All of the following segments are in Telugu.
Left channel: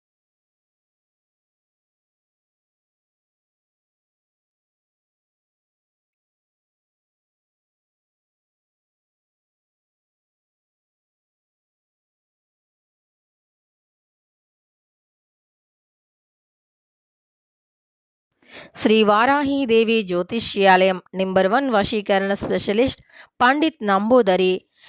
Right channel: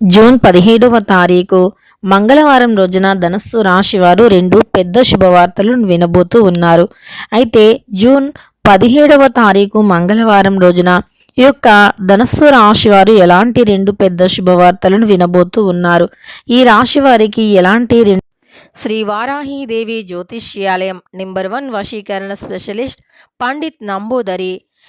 జూన్ పదిహేడవ తారీఖు మంగళవారం రోజున ధనస్సు రాశి వారు రెండు పెద్ద శుభవార్తలు వినబోతూ ఉన్నారు. అయితే జూన్ పదిహేడవ తారీఖు మంగళవారం రోజున ఈ యొక్క ధనస్సు రాశి వారు ఎలాంటి రెండు పెద్ద శుభవార్తలను వినబోతూ ఉన్నారు? ఈ రాశి వారికి ఎలాంటి రెండు శ్రీ వారాహీదేవి జ్యోతిష్యాలయం నెంబర్ వన్ వశీకరణ స్పెషలిస్ట్ పండిత్ నంబూదరి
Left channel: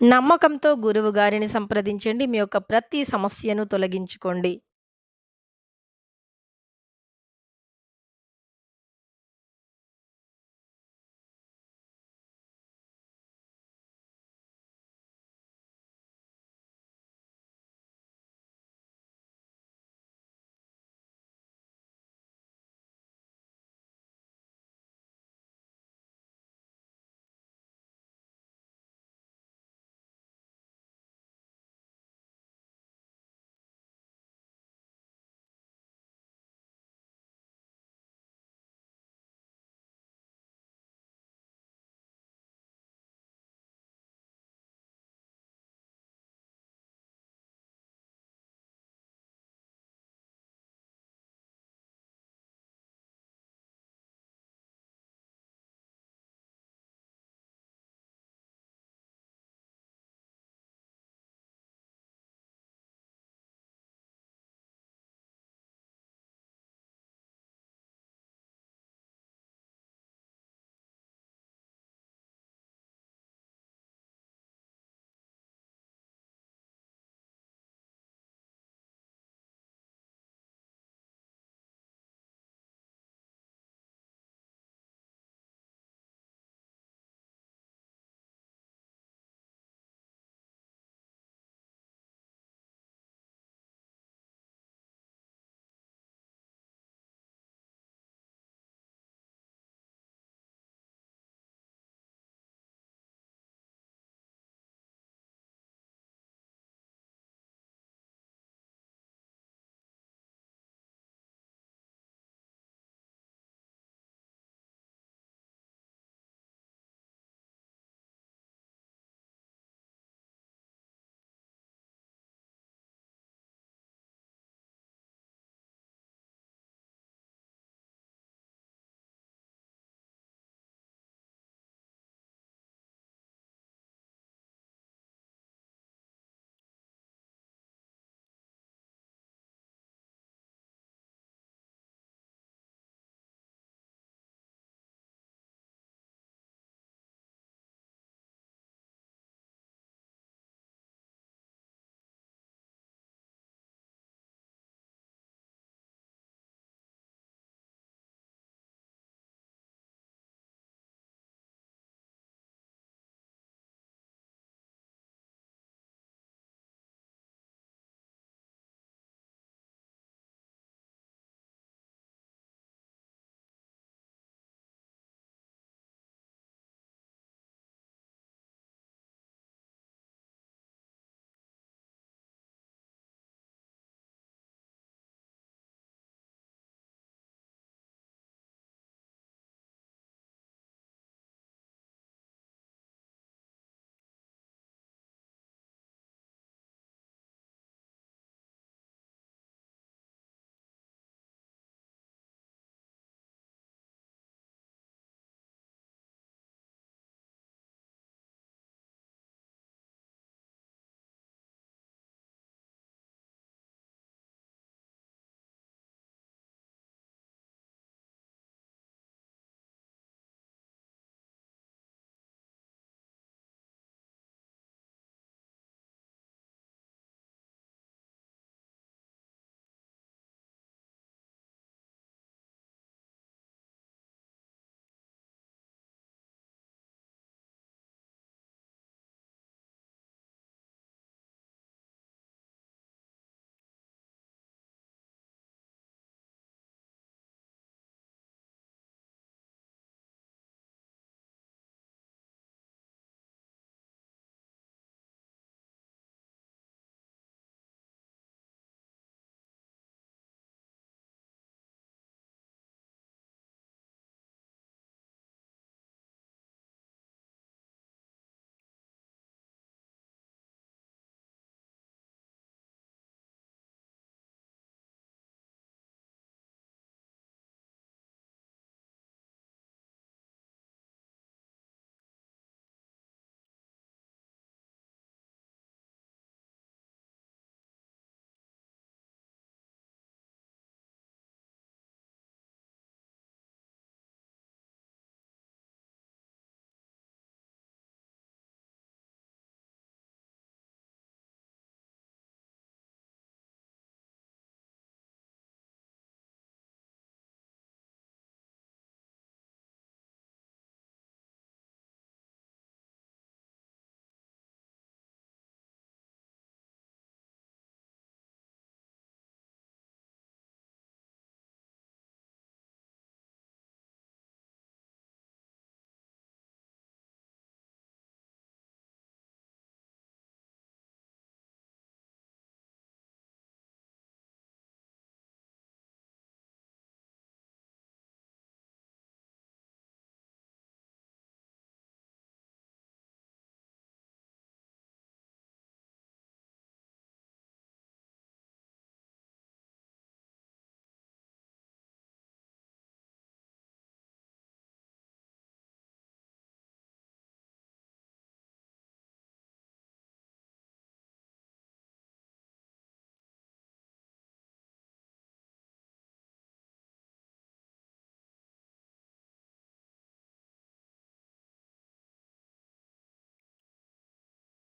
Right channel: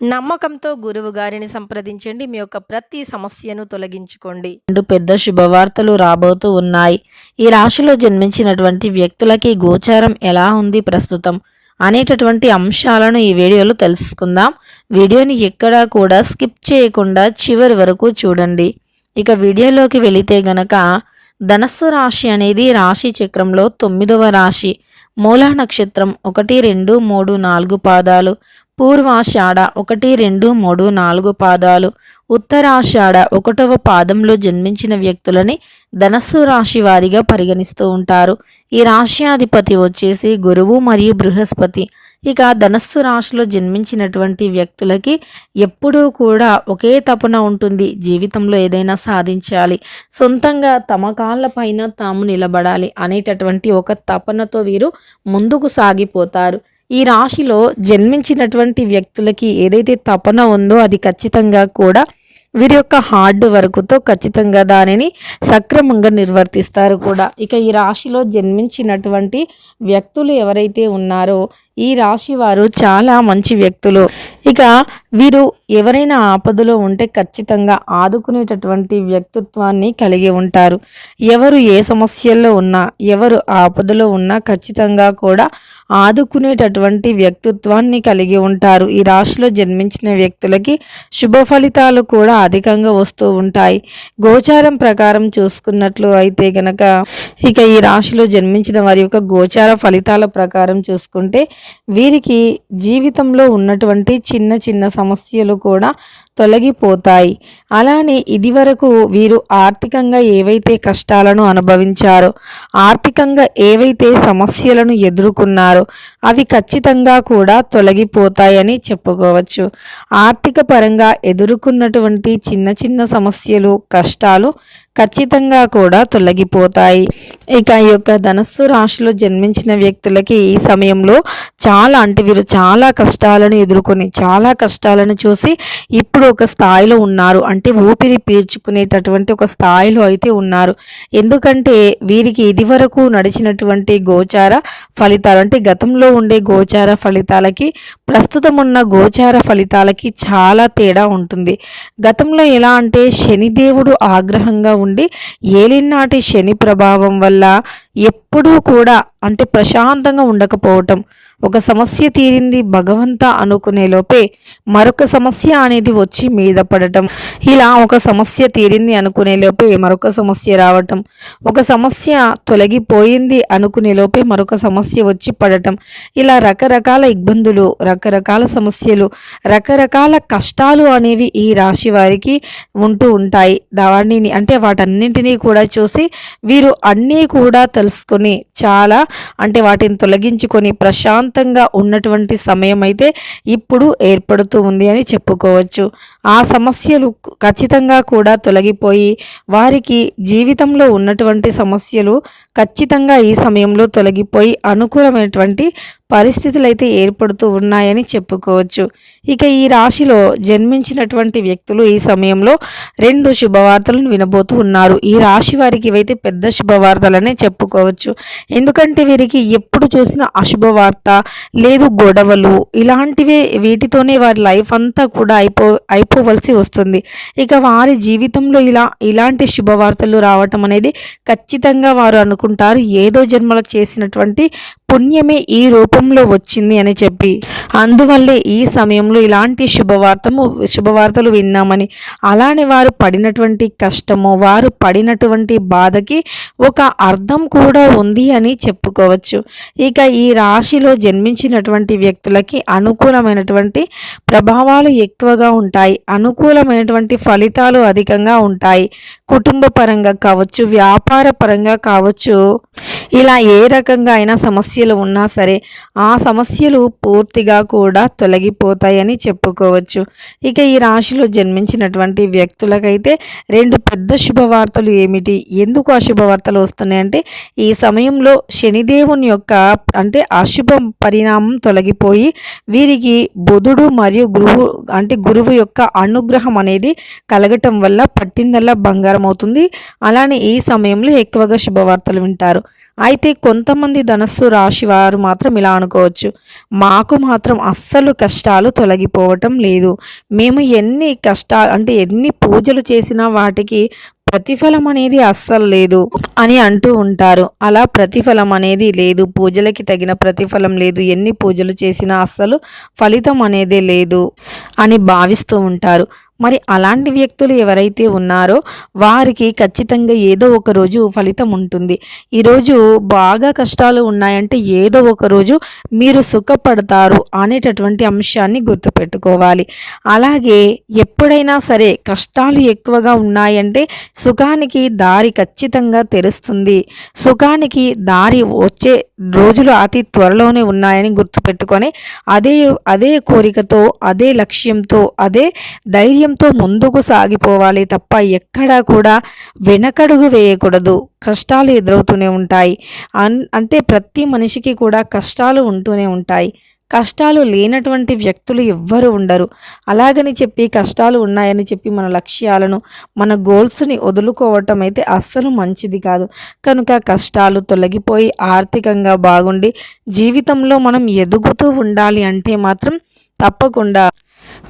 నమ్మకంతో గురువు గారిని సంప్రదించండి. మీ యొక్క ప్రతి సమస్యను తొలగించుకోండి. రెండు పెద్ద శుభవార్తలు రాబోతూ ఉన్నాయి. ఈ రాశిలో జన్మించినటువంటి వ్యక్తులకి గోచారం ఎలా ఉంది ప్రస్తుతం అనేటటువంటి అంశాలను ఈ వీడియోలో తెలుసుకుందాం. వీడియోని ఎక్కడా కూడా స్కిప్ చేయకుండా చివరి వరకు చూడండి. ఇక వీడియోలోకి వెళితే గనక ధనస్సు రాశి అనేది రాశి చక్రంలో తొమ్మిదవ రాశి. మూలా నక్షత్రం ఒకటి రెండు మూడు నాలుగు పాదాలు. పూర్వాషాఢ ఒకటి రెండు మూడు నాలుగు పాదాలు. ఉత్తరాషాఢ ఒకటవ పాదంలో జన్మించిన వ్యక్తులని ధనస్సు రాశి వారిగా పరిగణిస్తూ ఉంటారు. ఈ రాశ్యాధిపతి వచ్చేసి గురువు మరియు బృహస్పతి. ఇక ధనస్సు రాశిలో జన్మించినటువంటి వ్యక్తులకి ఎప్పుడూ కూడా ఒకే తపన ఉంటుంది. జీవితంలో ఏదైనా సాధించాలి. సొంతంగా తమ కాళ్ళపైన తాము నిలబడాలి అనేటటువంటి ఒక తపనతో వీరు ముందుకు సాగిపోతారు. ఈ రాశిలో జన్మించినటువంటి వ్యక్తులకి ఏదైతే తపన ఉందో అది ఖచ్చితంగా కూడా వీరి యొక్క హార్డ్ వర్క్తో ఖచ్చితంగా దానిని సక్రమంగా నిర్వర్తిస్తారు కూడా. ఇక ఈ రాశిలో జన్మించినటువంటి వ్యక్తులు ఎవరైతే ఉన్నారో ఈ రాశి వారు చాలా మంచి వ్యక్తులు. ఇక వీరు ఎవరైనా ఆపదలో ఉంటే ఖచ్చితంగా ఆదుకునేటటువంటి వ్యక్తిత్వాన్ని కలిగి ఉంటారు. ఎవరు ఏ సమస్యల్లో ఉన్నా ఎవరు ఆపదలో ఉన్నా ఖచ్చితంగా కూడా ఆదుకునేటటువంటి వ్యక్తిత్వాన్ని కలిగి ఉంటారు. ఈ రాశిలో జన్మించిన వ్యక్తులకి శుభ ఫలితాలు కూడా అధికంగా వస్తూ ఉంటాయి. గోచారం ప్రకారం చూసుకున్నట్లు అయితే గనక ఇక ఈ రాశిలో జన్మించిన వారి యొక్క గోచార ఫలితాల ప్రకారం చూసుకుంటే వీరికి జీవితంలో ఉన్నటువంటి చిన్న చిన్న సమస్యలు కూడా తొలగిపోతాయి. అలానే ఇదివరకు వీరు ఆర్థికంగా ఏవైతే కష్టాలను అనుభవించారో ఆర్థికంగా ఏవైతే సమస్యలను ఎదుర్కొన్నారో అవి ఖచ్చితంగా కూడా తొలగిపోతాయని చెప్పుకోవచ్చు. ఆర్థిక పరంగా ఎదుర్కొన్నటువంటి చిన్న చిన్న సమస్యలు కష్టాలు ఖచ్చితంగా కూడా తొలగిపోతాయి. ఇక ఈ యొక్క ధనస్సు రాశిలో జన్మించిన వ్యక్తులకి ఈ సమయంలో చాలా అంటే వీరు చాలా కష్టాలను ఎదుర్కొని చాలా కష్టాలను చూసి ఇప్పుడు ఒక స్థాయిలో ఉన్నారు. అంటే అంటే ఊపిరి పీల్చుకునేటటువంటి ఒక స్థాయిలో అయితే ఉన్నారు. ఎందుకంటే వీరికి ఇదివరకు నడిచినటువంటి గోచార ఫలితాలు అంటే గతంలో ఉండే గోచార ఫలితాలకి ప్రస్తుతం ఉన్న గోచార ఫలితాలకి చాలా తేడా ఉంటుంది. గతంలో ఎలా అంటే శనిదేవుడు ఆగ్రహంగా ఉండి ఏలినాటి శని ప్రభావం వల్ల ఎప్పుడూ కూడా అంటే ప్రశాంతంగా ఉండకపోవటం ఒక సమస్య తీరింది భగవంత అనుకునే లోపే మరొక సమస్య అనేది వచ్చి మీద పడటం. ఇలా ఒక సమస్య తీరింది అనుకునే లోపే మరొక సమస్య రావటం. ఒక సమస్య తొలగిపోయింది అనుకునే లోపే మరొక సమస్య వచ్చి పడటం. ఇలా రకరకాల ఇబ్బందులు రకరకాల సమస్యలు రకరకాల కష్టాలు అనేవి ఈ రాశి వారికి ఉంటూ ఉంటాయి. దానిని అంటే వాటన్నింటినీ కూడా చూసి వీరు అన్నీ కూడా తెలుసుకొని చాలా అంటే వాటిని తొలగించుకొని ప్రశాంత ప్రశాంతంగా ఉన్నటువంటి సమయం అయితే ఇప్పుడు ఏర్పడుతూ ఉంది అని చెప్పుకోవచ్చు. ఆ సమస్యలు ఖచ్చితంగా కూడా తొలగిపోయి వారికి జీవితంలో ఉన్నటువంటి సమస్యలు ఖచ్చితంగా ఈ సమయంలో తొలగిపోయి అనుకూలమైనటువంటి పరిస్థితులు అయితే ఏర్పడుతూ ఉన్నాయని చెప్పుకోవచ్చు. ఇక ఈ రాశిలో జన్మించినటువంటి వ్యక్తులు ఈ సమయంలో రెండు శుభవార్తలను వినబోతూ ఉన్నారు. ఈ రాశి వారికి ఇవైతే పెద్ద శుభవార్తలనే చెప్పుకోవచ్చు. ఎందుకంటే వీరికి ఎప్పుడు చూసిన అశుభవార్త లేదు గొడవలు ఇలాంటివే వీటితోనే వారి లైఫ్ అంతా కూడా అయిపో అయిపోవలసి వస్తుంది. ఇక వారి జీవితంలో ఇలా ఇలాంటి శుభవార్తలు రావటం అనేది ఖచ్చితంగా వారు అనుకుంటారు. ఏదో జన్మలో చేసినటువంటి పుణ్యమే ఈ రూపంలో వచ్చింది అని చెప్పి. అందువల్లే ఈ సమయంలో ఇలాంటి శుభవార్తము శుభవార్తలు విన్నామని. అలానే వారు పడినటువంటి కష్టము వారు పడినటువంటి బాధకి ఒక అర్థం కూడా ఉంది అని చెప్పుకోవచ్చు. ఇక ఈ రాశిలో జన్మించినటువంటి వ్యక్తులకి అనుకూలమైనటువంటి ప్రభావాలు ఎక్కువగా ఉంటాయి. అనుకూలమైనటువంటి ఫలితాలు అధికంగా ఉంటాయి. కుటుంబ పరంగా కావచ్చు వ్యాపార పరంగా కావచ్చు ఇలా ఏ రకంగా అయినా సమస్యలు ఉన్నా సరే ఆ సమస్యలు పూర్తిగా కూడా తొలగిపోతాయని చెప్పుకోవచ్చు. ఇక ఈ రాశిలో జన్మించినటువంటి వ్యక్తులకైతే రెండు పెద్ద శుభవార్తలు ఏమిటి? ఎందుకు ఆ శుభవార్తలు వస్తున్నాయంటే ఈ సమయంలో శనిదేవుని యొక్క అంటే అశుభ పరిణామం తొలగిపోయి వీరికి బుధుడు మరియు గురువు అంటే గురువు యొక్క అనుగ్రహం అనేది కలగటం వల్ల పట్టిందల్లా బంగారం అవుతుంది అలానే ఈ సమయంలో ఎక్కువగా శుభవార్తలు వింటారు. అయితే కొంతమంది ధనస్సు రాశి వారు మాత్రం ఇలా అనుకోవచ్చు. మాకు మాత్రం అస్సలు కష్టాలు తొలగిపోవటం లేదు. మేము ఎన్ని కష్టాలు అంటే ఎన్ని పూజలు చేసినా వాటికి ప్రతిఫలం అనేది అస్సలు లేదు అని అంటూ ఉంటారు. అలా ప్రతిఫలం అనేది లేదు. పూజలకి తగిన ప్రతిఫలం లేదు. ఎన్ని పూజలు చేసినా అస్సలు ఫలితం అనేది లేదు అని భావిస్తూ ఉంటారు. మరి అలాంటి వ్యక్తులు ఎవరైతే ఉన్నారో వారికి ఖచ్చితంగా ఏదో ఒక రోజు ఫలితం ఉంటుంది. ఈరోజు బాగా కష్టాలు ఉన్నాయంటే ఏదో ఒక రోజు మీరు సుఖపడతారు అనేటటువంటి అంశాన్ని గుర్తుపెట్టుకోవాలి. అలాగే ఎప్పుడైనా సరే కష్టాలు ఎక్కువగా ఉన్నాయంటే సుఖానికి దారి ఖచ్చితంగా తెరుస్తుంది. సుఖానికి దారి వచ్చే రోజులు అతి త్వరలోనే ఉన్నాయని గుర్తుపెట్టుకొని అదే అదే కోరికతో అదే లక్ష్యంతో అదే ధైర్యంతో ముందుకు సాగిపోవాలి తప్ప ఎక్కడా కూడా వెనకడుగు వేయకూడదు. కష్టాలు ఎదురవుతూనే ఉంటాయి. అన్ అంటే ప్రతి మనిషికి కూడా కష్టాలు ఉంటూనే ఉంటాయి. కష్టాలు లేనటువంటి వ్యక్తులు ఎవ్వరు ఉండరు. అలాగని చెప్పి కష్టాలు ఉన్నాయని చెప్పి మన లక్ష్యాలను మన గోల్స్ని వదులుకోవటం అయితే అస్సలు మంచిది కాదు. కనుక కష్టాలు తొలగిపోయి ఆర్థికంగా బాగుండి జీవితంలో మనం ఎదుగుతూ ఉండాలి అంటే మాత్రం తప్పకుండా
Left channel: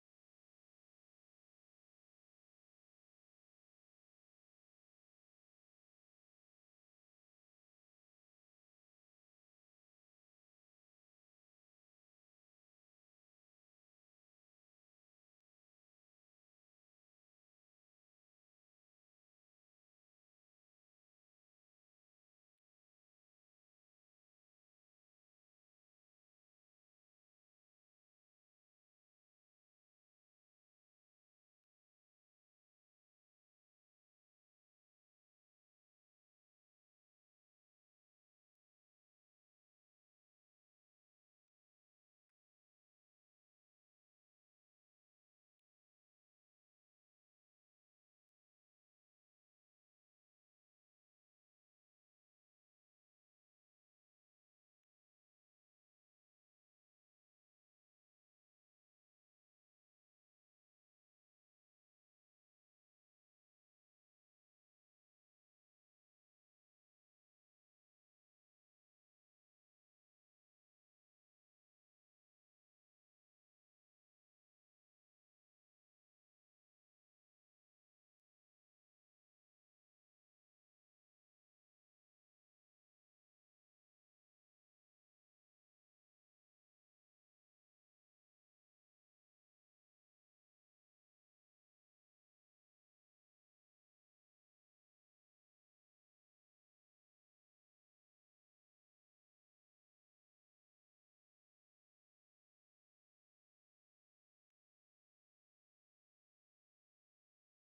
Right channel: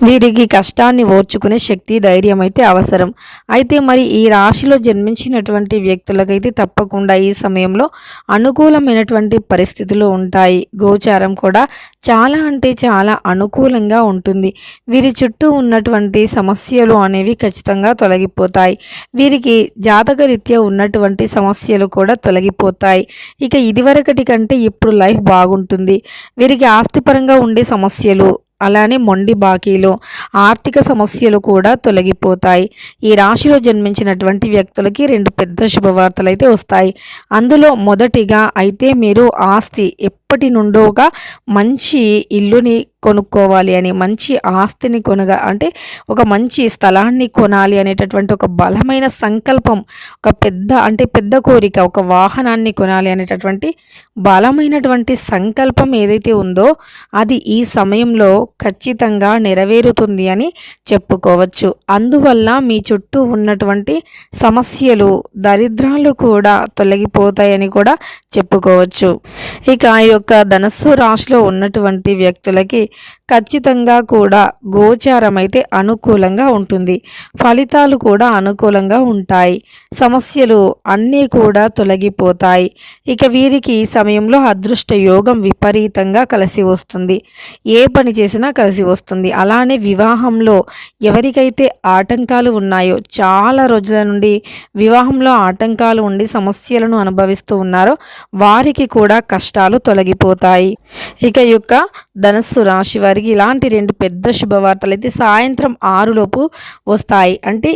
వీరికి కష్టాన్ని ఓర్చుకునే శక్తి ధైర్యం అయితే అవసరం. అయితే మరి ఈ రాశిలో జన్మించినటువంటి వ్యక్తులకైతే తప్పకుండా ఈ సమయంలో అనుకూలమైనటువంటి పరిస్థితులు ఉంటాయి. గోచారం కూడా చాలా అంటే చాలా అనుకూలంగా ఉంటుంది. వీరి చుట్టూ ఉన్నటువంటి సమస్యలు అనేవి ఖచ్చితంగా తొలగిపోతాయి. వీరికి జాతకరీత్యా ఉన్నటువంటి సమస్యలు కూడా తొలగిపోతాయి. ఇక ఇదివరకటి కంటే ఇప్పుడు లైఫ్ బాగుంటుంది. వీరికి ఆస్తిపరంగా ఉండే సమస్యలు అలానే మొండి బాకీలు ఆర్థిక సమస్యలు కూడా తొలగిపోతాయి. ఈ రాశిలో జన్మించినటువంటి వ్యక్తులకి రెండు పెద్ద శుభవార్తలు అయితే వస్తాయి. అందులో మొదటిగా అయితే మీరు ఆస్తి ఎప్పటి నుండోగా మంచి ఇల్లుని కొనుక్కోవాలి అని మంచి ఆస్తిని కొనగా అంటే ఒక మంచి స్థలాన్ని కొనాలి అనేటటువంటి ఒక బలమైన సంకల్పం ఒక పెద్ద అంటే పెద్ద కోరిక ఒక వాహనాన్ని కొనాలి అనేటటువంటి బలమైనటువంటి సంకల్పం ఏదైతే ఉందో అది ఈ సమయంలో ఖచ్చితంగా నెరవేరుతుంది అని చెప్పుకోవచ్చు. అందువల్ల మీ చుట్టూ ఉన్నటువంటి సమస్యలు దరిద్రాలు కూడా తొలగిపోతాయని కూడా చెప్పుకోవచ్చు. ఇక ఈ యొక్క ధనస్సు రాశిలో ఉన్నటువంటి వ్యక్తులకి ఖచ్చితంగా కూడా గోచారం అయితే అనుకూలంగా ఉంటుంది. ఫలితాలు కూడా అనుకూలంగా ఉంటాయి. సమస్యలు అన్నీ కూడా తొలగిపోతాయి. ఇక వీరికి ఈ సమయంలో అదృష్ట యోగం విపరీతంగా కలిసి వస్తుంది. ఏ పని చేసినా కలిసి వస్తుంది. అలానే వివాహంలో ఎవరికైతే ఆటంకాలు ఉన్నాయో చాలా రోజుల నుండి వివాహంలో ఆటంకాలు ఉండి సమస్యలను అనుభవిస్తూ ఉన్నారో వారికి కూడా కష్టాలు తొలగి తొలగిపోతాయి. ఇక యొక్క ధనస్సు రాశి వారికి ఇలాంటి రెండు పెద్ద శుభవార్తలు అయితే సాయంత్రం ఆరులోపు వస్తాయి. అంటే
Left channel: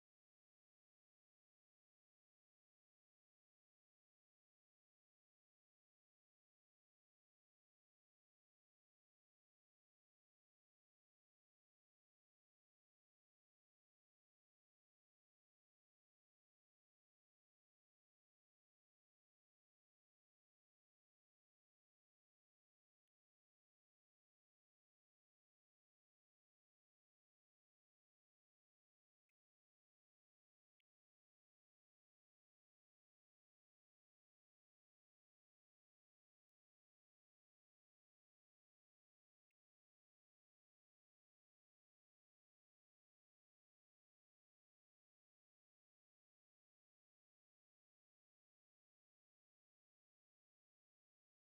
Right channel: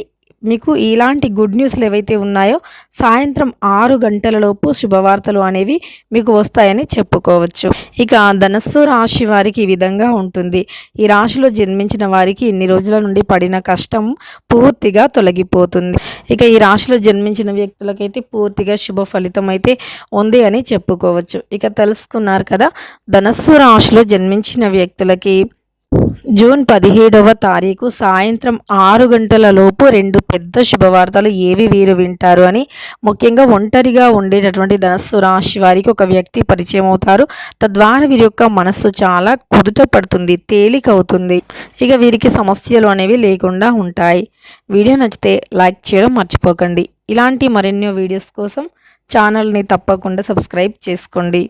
మీకు ఇలాంటి గుడ్ న్యూస్లు ఏవైతే ఉన్నాయో సాయంత్రం ఆరు గంటలలోపు శుభవార్తలు అనేవి మీకు వస్తాయని చెప్పుకోవచ్చు. ఇక ధనస్సు రాశి వారికి ఈ విధంగా ఉంటుంది. ఈ రాశిలో జన్మించిన వారికి ఇన్ని రోజుల నుండి పడిన కష్టం పూర్తిగా తొలగిపోతుంది. ఇక ఈ రాశిలో జన్మించిన వ్యక్తులకైతే పూర్తిగా శుభ ఫలితం అయితే ఉంది అని చెప్పుకోవచ్చు. ఇక తెలుసుకున్నారు కదా ధనస్సు రాశిలో జన్మించిన వ్యక్తులకి జూన్ పదిహేడవ తారీఖు సాయంత్రం ఆరు గంటల లోపు రెండు పెద్ద శుభవార్తలు ఏవి వీరు వింటారు అని ముఖ్యంగా ఒంటరిగా ఉండేటటువంటి ధనస్సు రాశి వారికి ఒక వ్యక్తి పరిచయం అవుతారు. తద్వారా వీరి యొక్క మనస్సు చాలా కుదుట పడుతుంది తేలికవుతుంది ఇక వీరికి సమస్యలు అనేవి లేకుండా ఉంటాయి. వీడియో నచ్చితే లైక్ చేయడం మర్చిపోకండి. ఇలాంటి మరెన్నో వీడియోస్ కోసం ఛానల్ని తప్పకుండా సబ్స్క్రైబ్ చేసుకోండి.